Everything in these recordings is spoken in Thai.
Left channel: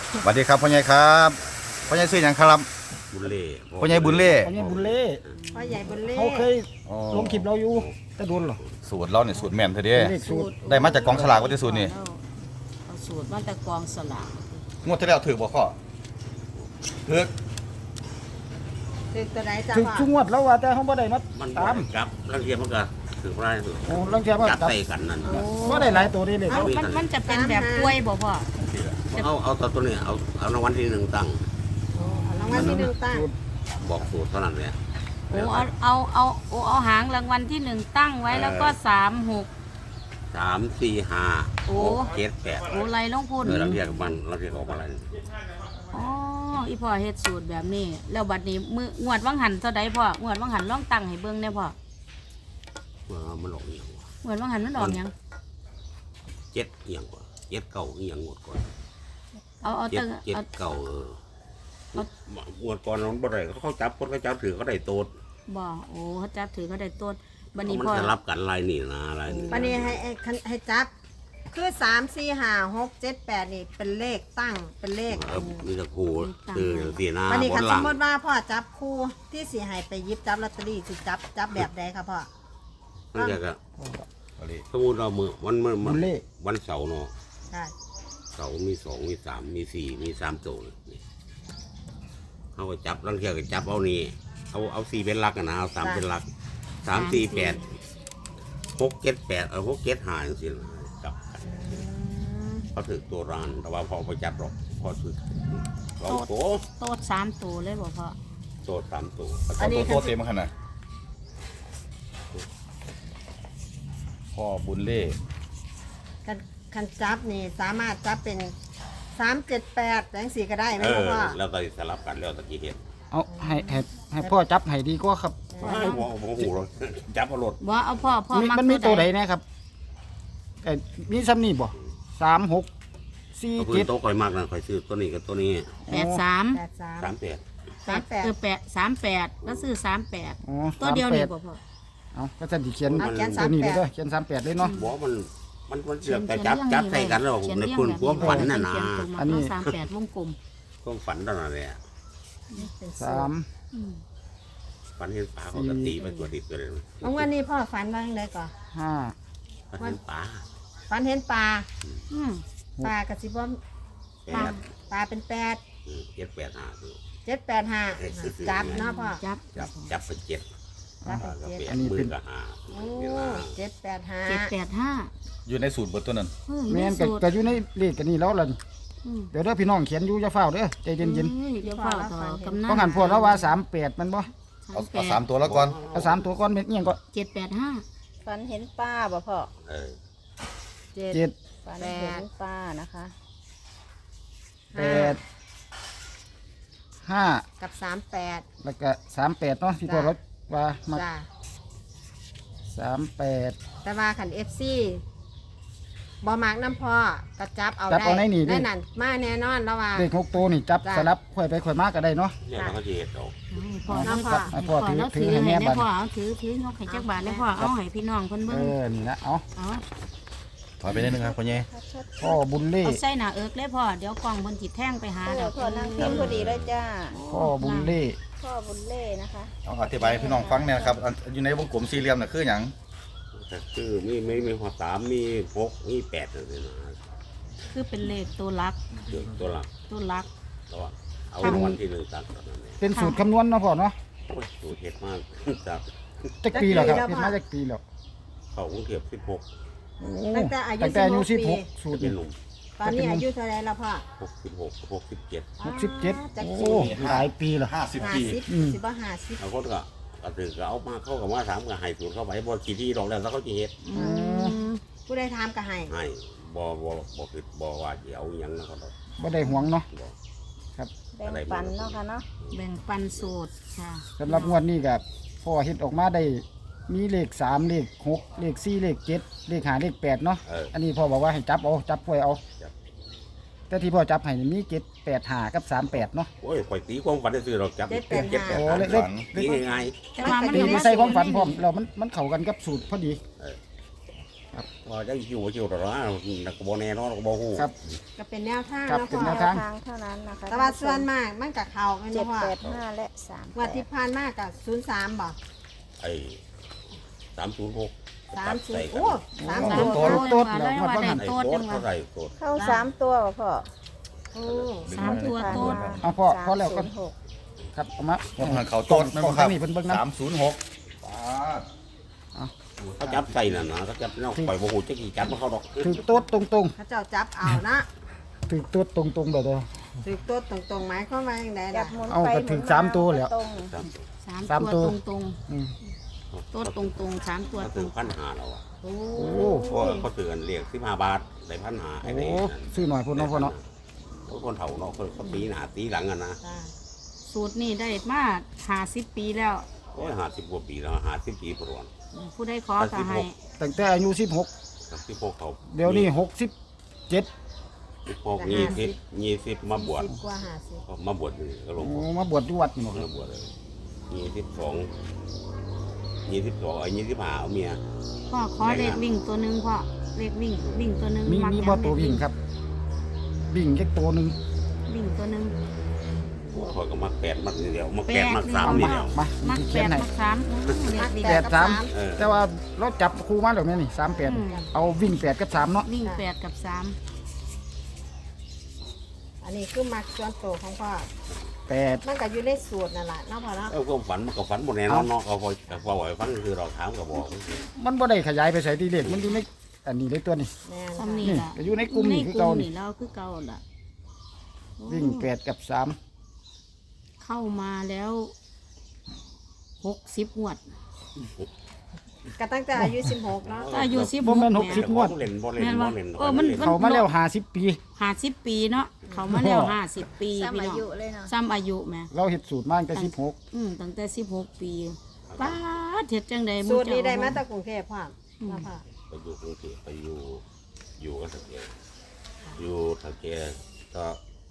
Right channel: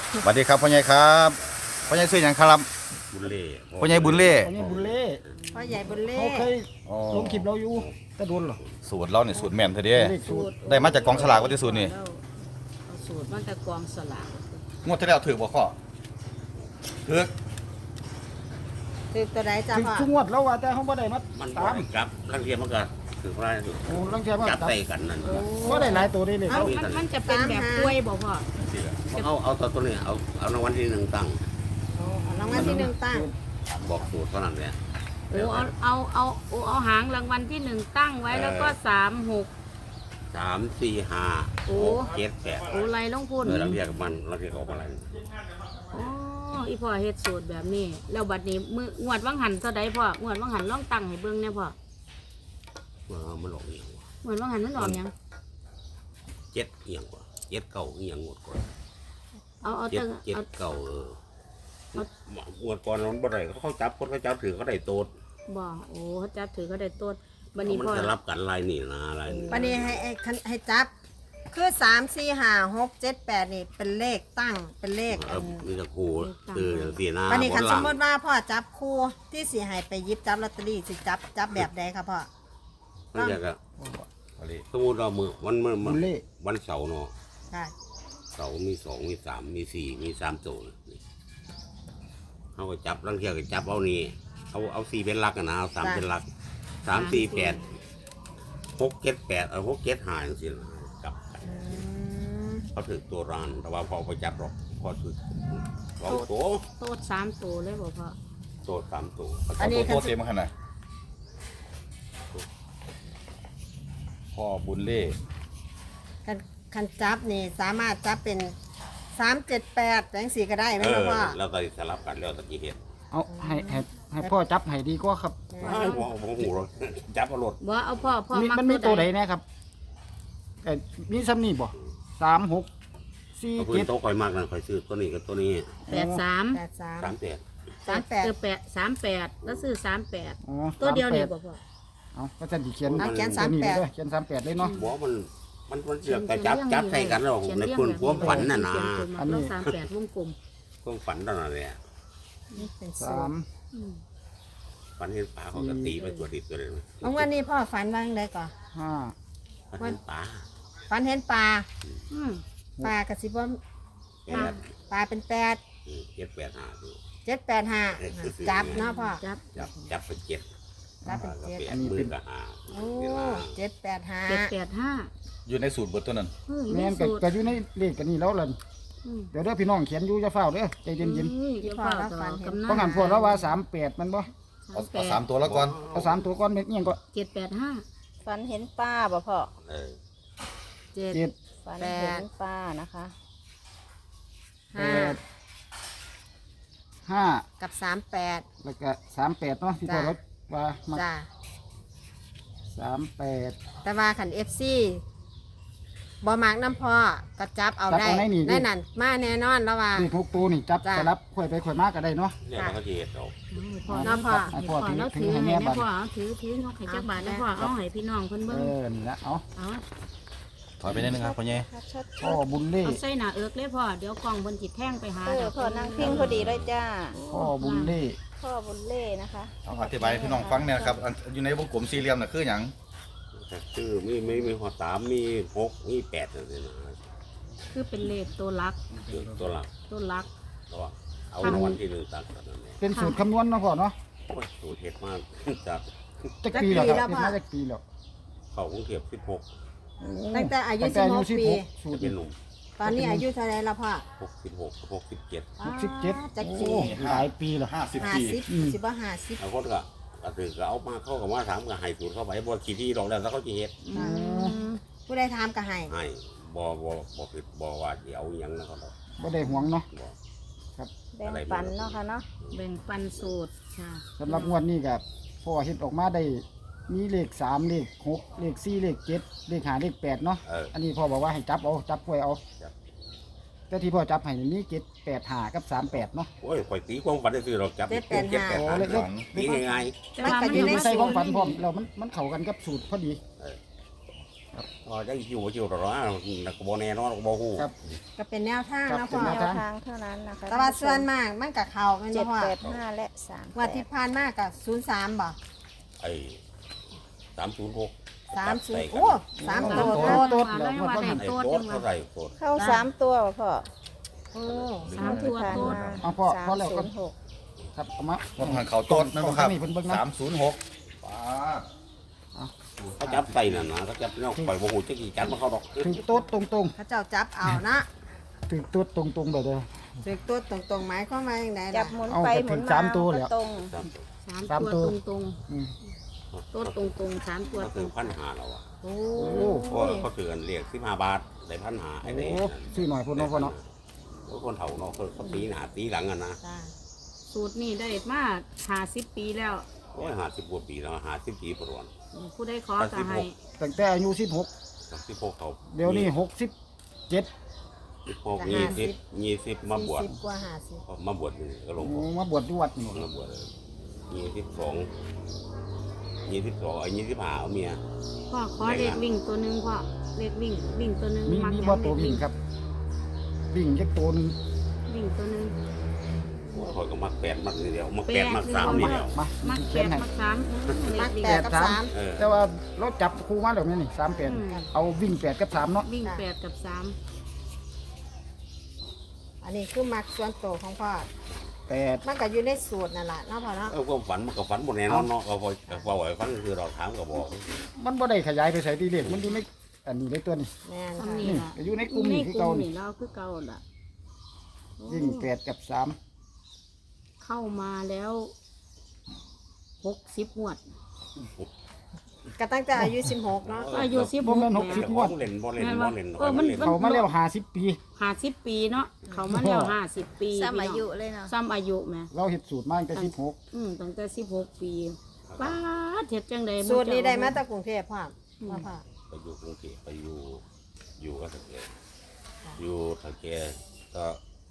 สวัสดีครับพ่อใหญ่ครับพ่อใหญ่ซื้อหยังครับบุญเล่พ่อใหญ่บุญเล่อันนี้บุญเล่พ่อใหญ่บุญเล่เขาเคยอ๋อลงคลิปเราอยู่แต่โดนเหรอสูตรเราเนี่ยสูตรแม่นเถอะเด้เลขสูตรได้มาจากกองฉลากว่าที่สูตรนี่เอาสูตรมาจากกองสลากงวดที่แล้วถือบ่ข้อถือคือตัวใดจ้าถึงพ่อทุกงวดแล้วว่าแต่เขาบ่ได้มามันตามกับลังเทียมมันก็ถือว่าได้โอ้ลังเทียมาจับจับใส่กันนั่นบ่ได้หลายตัวนี่เลยครับมันจะเป็นแบบกล้วยบ่พ่อเอาตัวนี้เอารางวัลที่หนึ่งตั้งรางวัลที่หนึ่งตั้งบอกสูตรเท่านั้นเลยโอ้เอาหางรางวัลที่หนึ่งตั้งไว้แล้วก็36 3 4 5 โอ้ 6 7 8 โอ้ไรลงพุ่นลังเทียกับมันลังเทียออกมาอะไรอ๋ออีพ่อเฮ็ดสูตรแบบนี้แล้วบัดนี้มืองวดวังหันเท่าใดพ่องวดวังหันลองตั้งให้เบิ่งแน่พ่อมันออกเอียงวะงวดวังหันมันออกหยัง 7เอียงกว่า7 เก่าเอียงหมดก่อนเอา 7 ตั้งเอาเก่าหมดก่อนมันบ่ได้เขาจับคนเขาจับถือเขาได้โตดบ่โอ้เขาจับถือก็ได้ต้นบัดมันนี้พ่อจะรับกันลายนี่นะลายนี่วันนี้ให้จับคือ3 4 5 6 7 8นี่เป็นเลขตั้งเป็นเลขมีตะคูคืออย่างสี่หน้าวันนี้บคันนหสลัมงมติว่าพ่อจับคู่ที่สิให้ไปหยิบจับลอตเตอรี่สิจับแบบใดครับพ่อนั่นแหละก็เอาเลยสมมติเรามือวันบุญเล่วันเสาร์เนาะค่ะเสาร์มี2มี3มี4มี3ตัวนี่เขาก็จับลังเทียก็จับเอานี่เอา4เป็นหลักอะนะเอา3เป็นหลัก3 4 8 6 7 8เอา6 7 5จังซี่นะกลับกันอืมเขาถือตัวร้านแต่ว่าพอไปจับหรอกพอถือ2ตัวโต๊ด3ตัวเลยบ่พ่อตัว3ตัวเอาตัวเต็มมาขนาดพ่อบุญเล่คันจับนี่สามารถจับเป็น378จังสี่ก็ได้ไหมครับพ่อแล้วก็สลับกันแล้วตะกี้เห็นเอาให้พ่อจับให้ดีกว่าครับว้ายหัวหูเราจับเอารถบ่เอาพ่อมันมีตัวใดนะครับมีซ้ำนี่บ่3 6 4 เอาพื้น 7 โต๊ะคอยมากนะคอยซื้อตัวนี้กับตัวนี้ 83 83 38 38แล้วซื้อ38 อ๋อตัวเดียวนี่บ่พ่อเอาก็จะดิเขียนเอาเขียนตัวนี้เลย 38 เด้อเขียน38เลยเนาะบอกมันเสือกแต่จับใส่กันแล้วในความฝันน่ะนะอันนี้ 38วงกลมความฝันตอนนั้นเลยอะเป็นสูตร 3 อืมฝันเห็นปลาเขาก็ตีไปตัวดิบตัวเลยวันนี้พ่อฝันว่างเลยก่อน 5 ฝันเห็นปลาฝันเห็นปลาอืมปลากระสิบว่าแปดปลาเป็น 7 8 5คือ 785จับเนาะพ่อจับจับไป7 จับปลาก็เป็น 8 7 มือก็5 โอ้เวลา 785 อยู่ในสูตรเบิดตัวนั้นแม่นก็อยู่ในเลขกันนี่แล้วล่ะนี่เดี๋ยวเด้อพี่น้องเขียนอยู่จะเฝ้าเด้อใจเย็นเดี๋ยวพ่อต่อกำนัๆเพราะงั้นพวกเราว่า38มันบ่เอา3ตัวแล้วก่อนเอา3ตัวก่อนเป็นเอียงก็ 785 ฝันเห็นป้าบ่พ่อเออ 7 7 ฝันเห็นป้านะคะ 8 5 กับ38 แล้วก็38เนาะที่พวกเราว่ามาจ้า 38 แต่ว่าขัน FC บ่มักน้ำพ่อก็จับเอาจับได้เอาในนี่ดิในนั้นมาแน่นอนแล้วว่าเลข6ตัวนี่จับจ้ะสลับค่อยไปค่อยมาก็ได้เนาะเนี่ยเราก็จะเห็นดอกพ่อเนาะพ่อให้พ่อแล้วถือให้แม่พ่อเอาถือให้จักบาทแล้วพ่อเอาให้พี่น้องเพิ่นเอเบิ่งอนี่นะเอาเอาถอยไปนิดนึงครับพ่อใหญ่พ่อบุญเล่เอาใส่หน้าเอิกเลยพ่อเดี๋ยวกล้องเพิ่นสิแท่งไปหาเออพ่อนั่งพิมพ์พอดีเลยจ้าพ่อบุญเล่พ่อบุญเล่นะคะเอาอธิบายให้พี่น้องฟังเนี่ยนะครับอันอยู่ในวงกลมสี่เหลี่ยมน่ะคือหยังแต่คือมีหัว3มี6มี8นั่นเองนะคือเป็นเลขตัวลักคือตัวหลักตัวลักตัวเอารางวัลที่หนึ่งตักตอนนั้นเนี่ยเป็นสูตรคำนวณเนาะพ่อเนาะโอ้ยสูตรเห็ดมาก จากจักปีแล้วครับเป็นมาจักปีแล้วเขากรุงเทพ16 โอ้ตั้งแต่อายุตั้งแต่อายุ 16ปี 16สูตจะรเป็นหนุ่มตอนนี้อายุเท่าไรแล้วพ่อ 66 67 67 จักโอ้หลายปีแล้ว 50 ปี 50 อืมสิบ่50 เอาคนก็ถือก็เอามาเข้ากับว่าถามก็ให้สูตรเข้าไปบ่ขี้ที่ดอกแล้วแล้วเขาจะเฮ็ดอืมผู้ใดถามก็ให้ให้บ่คือบ่ว่าสิเอาหยังนะเขาดอกบ่ได้หวงเนาะบ่แบ่งปันเนาะค่ะเนาะแบ่งปันสูตรค่ะสำหรับงวดนี้ก็พ่อเฮ็ดออกมาได้มีเลข3เลข6เลข4เลข7เลข5เลข8เนาะเอออันนี้พ่อบอกว่าให้จับเอาจับป่วยเอาจับแต่ที่พ่อจับให้นี่มี7 8 5กับ38เนาะโอ้ยข่อยตีความฝันได้ซื้อดอกจับโอ้ 7 เลข 8ตีง่ายแต่ว่ามันตีอยู่ในมาใส่ความฝันพร้อมแล้วมันเข้ากันกับสูตรพอดีๆเออว่าจะคิวคิวหรอนักบอลแน่นอนก็บอฮู้ครับก็เป็นแนวทางครับแล้วเป็พ่นอแนแนวทางเท่านั้นนะคะแต่ว่าส่วนมากมันกับเขาไม่เจ็รู้ดว่า 8 5และว่าที่ผ่านมากกับ03บ่ไอ้306 30โอ้สามโอ้สิบโหโอ้โต๊ดแล้วได้งวดว่าว่าได้หันไอ้โต๊ดโคตรจังเท่าหไหวะร่โคตรเข้า3 ตัวพ่อโอ้สามตัวผ่านโต๊ดมาเอาพ่อแล้วก็ 306 ครับเอามาว่าหันเขาโต๊ดแม่นบ่ครับนี่เพิ่นเบิ่งนะ 306ป้าดเขาจับใส่น่ะนะเขาจับน้องปล่อยบอฮู้จะกี่จับมันเขาดอกถือโต๊ดตรงเขาเจ้าจับเอานะๆถือโต๊ดตรงๆแบบเดียวถือตัวตรงๆหมายความว่าอย่างไรจันะบหมุนเอาไปก็หถึมุนงมาสามตัวแล้วตรงสามตัวตรงอืมๆโต๊ดตรงๆ3ตัวเขาถือ1,500แล้วอ่ะโอ้โอ้เพราะเขาถือกันเรียก15 บาทได้1,500ไอ้นี่โอ้ซื้อหน่อยพุ่นเนาะพ่อเนาะคนเฒ่าเนาะเขาตีหน้าตีหลังอ่ะนะจ้าสูตรนี่ได้มา50ปีแล้วโอ้ย50 กว่าปีแล้ว50 ปีประวัติผู้ใดขอครัก็บให้ตั้งแต่อายุ16 16เฒ่าเดี๋ยวนี้67 16 20มาบวช 40กว่า50 มาบวชนี่ก็หลวงโอ้พ่อมาบวชที่วัดนี่หมดมาบวชเลย22ไอ้25เอาเมียพ่อขอเลขวิ่งตัวหนึงพ่อเลขวิ่งตัวหนึงมีกมียังบ่ตัววิ่งครับวิ่งแค่ตัวหนึงวิ่งตัวหนึงคอยก็มัก8มักนี่เดียวมัก8มัก3นี่เดียวมามักที่แปเขียนดให้มักสามเลขวิ่งแปดกับ 8 สามเออ 3แต่ว่าเราจับคู่มาแล้วนี่38เอาวิ่ง8กับ3เนาะวิ่ง8กับ3 อันนี้คือมักส่วนตัวของพ่อ 8 มันก็อยู่ในสูตรนั่นแหละนะพ่อเนาะความฝันมันก็ฝันบ่แน่นอนเนาะเอาพอไว้ฟังคือเราถามก็บอกมันบ่ได้ขยายไปใส่ที่เลขมันอยู่ในอันนี้ในตัวนี้แน่นซ้ำนี่นี่ล่ะก็อยู่ในกลุ่มนี่คือเก่านี่แล้วคือเก่าล่ะวิ่ง8กับ3 เข้ามาแล้ว60งวดก็ตั้งแต่อายุ16เนาะอายุ16 บ่แม่นแม่ 60งวดเล่นบ่เล่นบ่เล่นเขามาแล้ว50 ปี 50 ปีเนาะเขามาแล้ว50 ปีซ้ำพี่อาน้องยุเลยเนาะซ้ำอายุแม่เราเฮ็ดสูตรมาตั้งแต่16 ตั้งแต่16 ปีป้าดเฮ็ดจังได๋สูตรนี้ได้มาจากกรุงเทพพ่อพ่อไปอยู่กรุงเทพไปอยู่กับตะเกียอยู่ตะเกียก็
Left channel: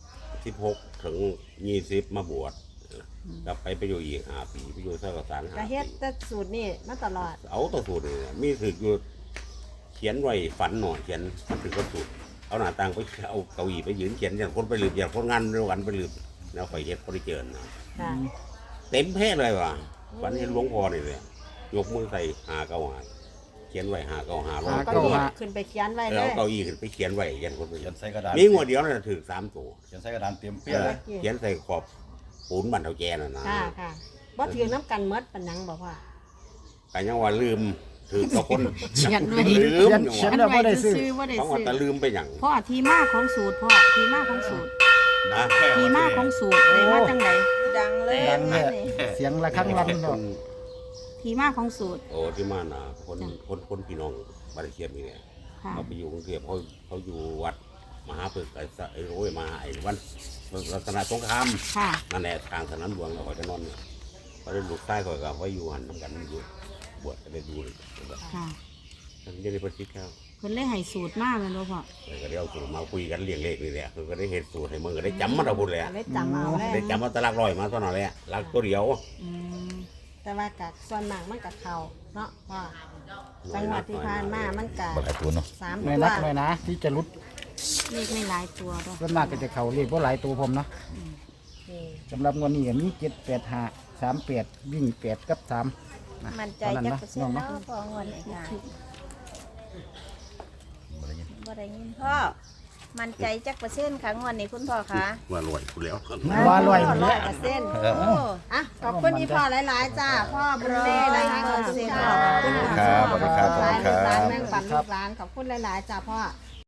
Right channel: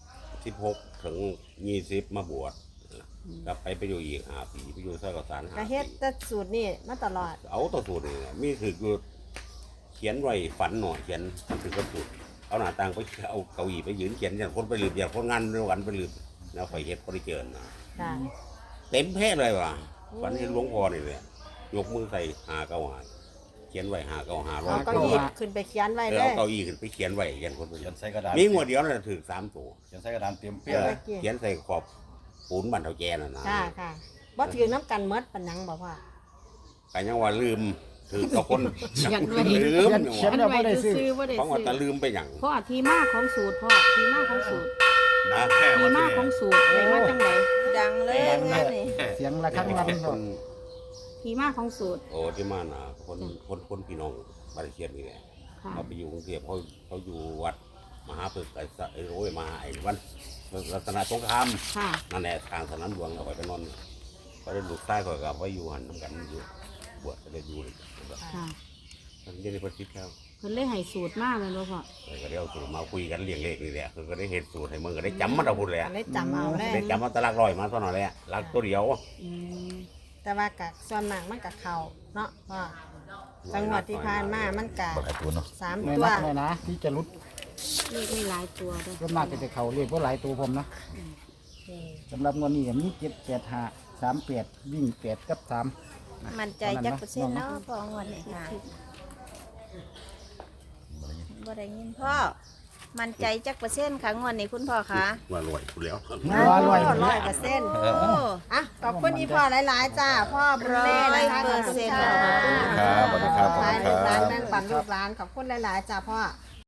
16ถึง20มาบวชกลับไปอยู่อีก5 ปีไปอยู่สกสารก็ 5 เฮ็ดปีแต่สูตรนี้มาตลอดเอาตัวสูตรนี่นะมีถึกอยู่เขียนไว้ฝันหน่อยเขียนมันถึงก็สูตรเอาหน้าต่างไปเอาเก้าอี้ไปยืนเขียนอย่างคนไปลืมอย่างคนงานเดียวกันไปลืมแล้วไฟเฮ็ดบริเจิญนะค่ะเต็มเพศเลยว่ะฝันเห็นหลวงพ่อนี่เลยยกมือใส่595เขียนไว้595ร้อยก็คนไว้ขึ้นไปเขียนไว้เอเลอย เอาเก้าอี้ขึ้นไปเขียนไว้ยันคนไปเขียนใส่กระดาษมีงวดเดียวนั่นนะถือ3 ตัวเขียนใส่กระดาษเตรียมเปี้ยเลยเขียนใส่ขอบปูนบันเทาแกน่ะนะค่ะค่ะบ่ถือน้ำกันหมดปานนังบอกว่ากันยังว่าลืมถือกับคนเขียนไว้ลืมอย่างเขียนว่าแล้วบ่ได้ซื้อบ่ได้เพราะว่าซื้อแต่ลืมไปอย่างพ่อที่มาของสูตรพ่อที่มาของสูตรนะแค่ที่ว่ามาที่ของนี่สูตรได้มาจังไดดังเลยดังเลยนี่เสียงระฆังวันคเนาะนที่มาของสูตรโอ้ที่มาน่ะคนพี่น้องบาริเคียนนี่แหละค่ะเขาไปอยู่กรุงเทพเขาอยู่วัดมหาปึกไอ้โอ้ยมาไอ้วันรัตนสงครามค่ะนั่นแหละทางสนามหลวงเราก็จะนอนเขาได้ลูกใต้เขากับว่าอยู่หันน้ำกันอยู่บวชก็ได้ดูเลยค่ะท่านจะได้ประชิดแค่เพิ่นเลยให้สูตรมาแล้วเนาะพ่อก็ได้เอาสูตรมาคุยกันเลี้ยงเลขนี่แหละคือก็ได้เห็นสูตรให้มึงก็ได้จำมาเอาบุญเลยเลยจำเอาเลยได้จำมาตะลักร้อยมาตอนนั้นแหละลักตัวเดียวอืมแต่ว่ากับส่วนมากมันกับเขาเนาะพ่อจังหวัดที่ผ่านมามันกับบ่ได้ตัวเนาะ 3 แม่ตัวนักเลยนะที่จะรุดเลขไม่หลายตัวเด้อส่วนมากก็จะเข้าเลขบ่หลายตัวผมเนาะนี่สำหรับงวดนี้ก็มี785 38วิ่ง8กับ3นะมันใจจักเปอร์เซ็นต์แล้วพ่องวดนี้ค่ะบ่ได้ยินบ่ได้ยินพ่อมันใจจักเปอร์เซ็นต์ครั้งวันนี้คุณพ่อคะว่าลอยกูแล้วว่าร้อย 100% โอ้อ่ะขอบคุณอีพ่อหลายๆจ้าพ่อบุญเล่นะคะขอบคุณค่ะครับสวัสดีครับขอบคุณครับแม่งปันลูกหลานขอบคุณหลายๆจ้าพ่อ